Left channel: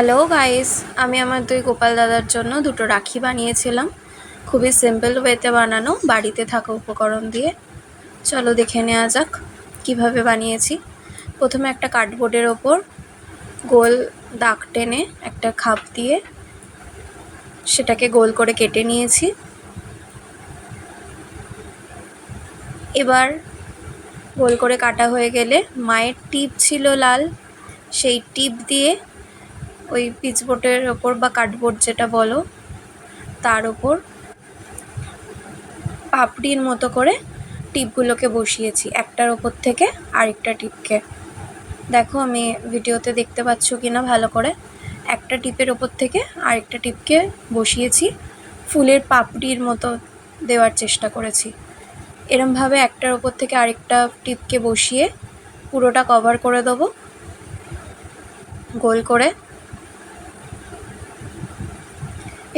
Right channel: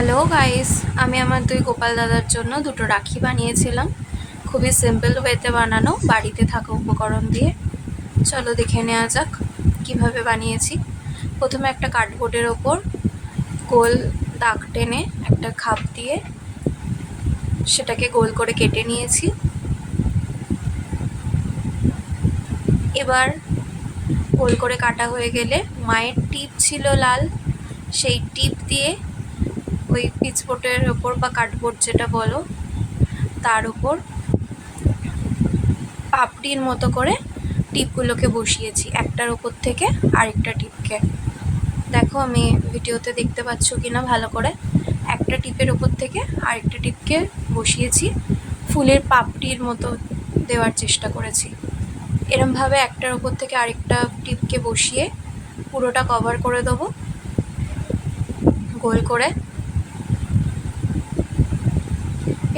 Hello guys আমি আমার দুই গোপাল দাদার জন্য দুটো রাখি বানিয়েছিলাম। খুবই সিম্পল ওয়েতে বানানো, বাড়িতে থাকা উপকরণ দিয়ে। চলো দেখে নেওয়া যাক কীভাবে বানিয়েছি। প্রথমে একটা কার্ডবোর্ডের ওপর গোল দাগ টেনে একটা খাপ দিয়ে সেটাকে গোল করে কেটে নিয়েছি। এবার গোল করে কাটা হয়ে গেলে মায়ের টিপ ছিল লাল, সেই টিপ দিয়ে ওই পিচবোর্ডের ওপর বা কার্ডবোর্ড যেটা বলো, তার ওপর পাপড়ির মতো করে টিপগুলোকে বসিয়েছি, একটার ওপর থেকে আরেকটা টিপকে দেখো আমি ভিডিওতে দেখতে পাচ্ছ কি না ভালো করে। একটা টিপের ওপর থেকে আরেকটা টিপকে বসিয়েছি, ফুলের পাপড়ির মতো দেওয়ার চেষ্টা করেছি। এরমভাবে একটার ওপর থেকে আরেকটা টিপকে বসিয়ে পুরোটা কভার করে দেবো। গোল করে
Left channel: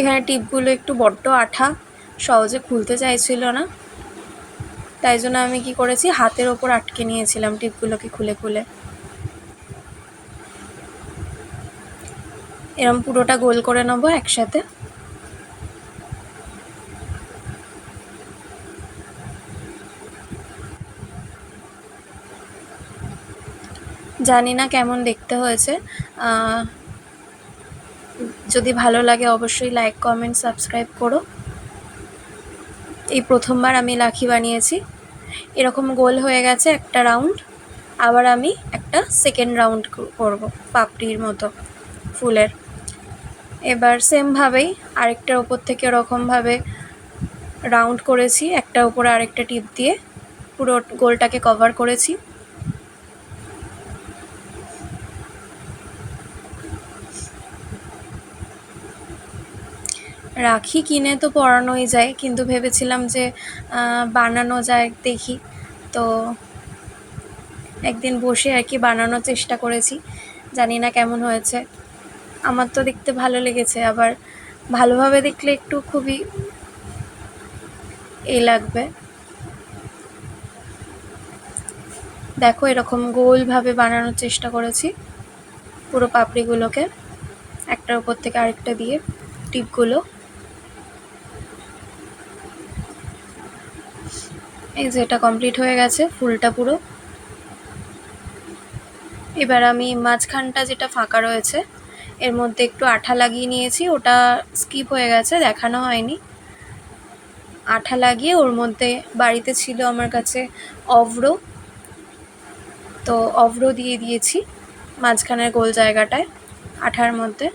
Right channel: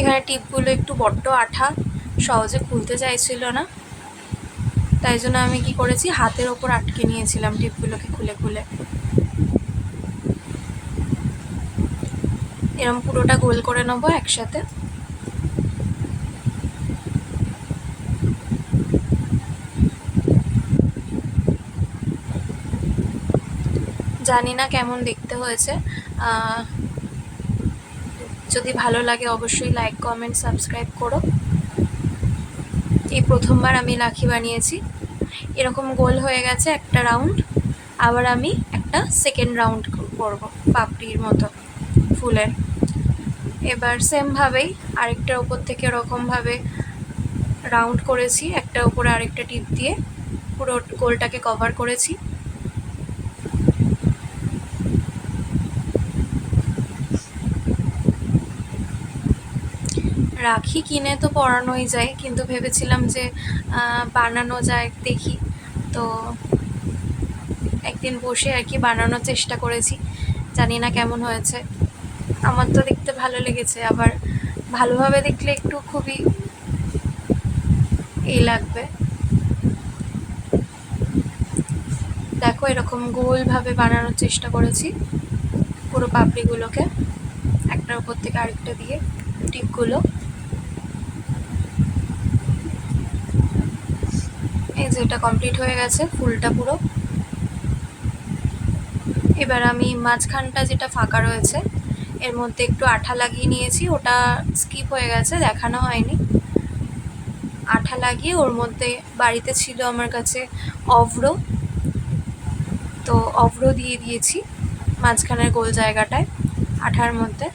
এখানে টিপগুলো একটু বড্ড আঠা, সহজে খুলতে চাইছিল না। তাই জন্য আমি কি করেছি, হাতের ওপর আটকে নিয়েছিলাম টিপগুলোকে খুলে খুলে। এরম পুরোটা গোল করে নেব একসাথে। জানি না কেমন দেখতে হয়েছে। যদি ভালো লাগে অবশ্যই লাইক কমেন্ট সাবস্ক্রাইব করো। এই প্রথমবার আমি লাখি বানিয়েছি। এরকম গোল হয়ে গেছে একটা রাউন্ড আবার আমি একটা সেকেন্ড রাউন্ড করব পাপড়ির মতো ফুলের। এবার সেমভাবেই আরেকটার ওপর থেকে এরকমভাবে রাউন্ড করেছি একটার উপরে আরেকটা টিপ দিয়ে পুরো গোলটাকে কভার করেছি। রাখি কিনে তো পরানোই যায়, কিন্তু ভেবেছিলাম যে বানানো যায় দেখি। তো একদিন বসে আর কি বানানোর চেষ্টা করেছি, জানি না কেমন হয়েছে। আমার তো দেখতে ভালো লেগেছে, আবার ভালোভাবে দেখলে একটু খুবই এ লাগবে। দেখো এরকম গোলভাবে বানানোর চেষ্টা করেছি, পুরো পাপড়িগুলোকে, একটার উপর থেকে আরেকটা দিয়ে টিপগুলো। এই যে এটা কমপ্লিট হয়ে গেছে, ফুলটা পুরো। এবার আমি মাঝখানটা যেটা ফাঁকা রয়েছে, এর মধ্যে একটু আঠা লাগিয়ে নিয়েছি, ওটা স্কিপ হয়ে গেছে, দেখানো হয়নি। আঠা লাগিয়ে ওর মধ্যে, বাড়িতে ছিল আমার কাছে অভ্র। তো অভ্র দিয়ে দিয়েছি মাঝখানের গোল জায়গাটায়, আঠার মধ্যে।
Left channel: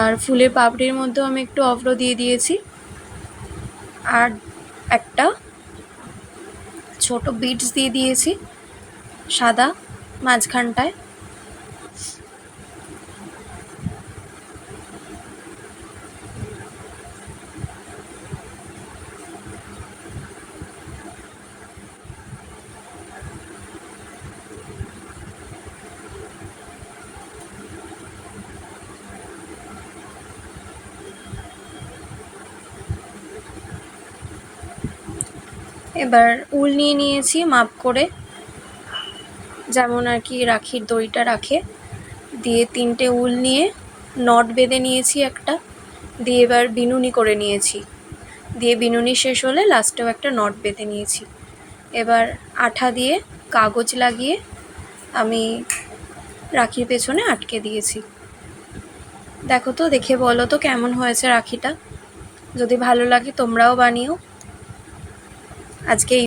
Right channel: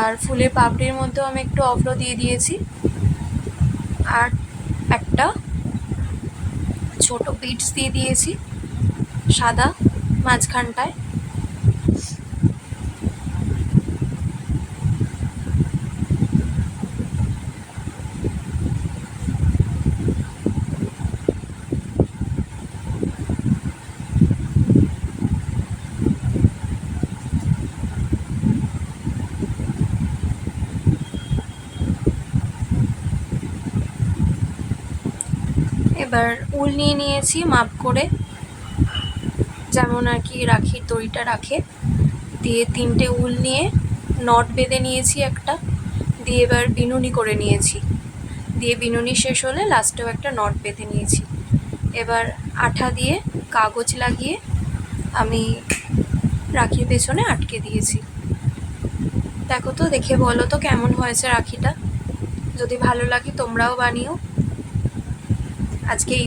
আর ফুলের পাপড়ির মধ্যেও আমি একটু অভ্র দিয়ে দিয়েছি। আর একটা ছোট বিটস দিয়ে দিয়েছি সাদা মাঝখানটায়। এবার উল নিয়ে নিয়েছি, মাপ করে। যেমন আর কি রাখির দড়িটা রাখে। দিয়ে তিনটে উল নিয়ে নট বেঁধে নিয়েছি একটা। দিয়ে এবার বিনুনি করে নিয়েছি। দিয়ে বিনুনি শেষ হলে লাস্টেও একটা নট বেঁধে নিয়েছি। এবার আঠা দিয়ে কাগজ লাগিয়ে আমি রাখির পেছনে আটকে দিয়েছি। দেখো তো, দেখে বলো তো কেমন হয়েছে রাখিটা। যদি ভালো লাগে তোমরাও বানিও। আজকে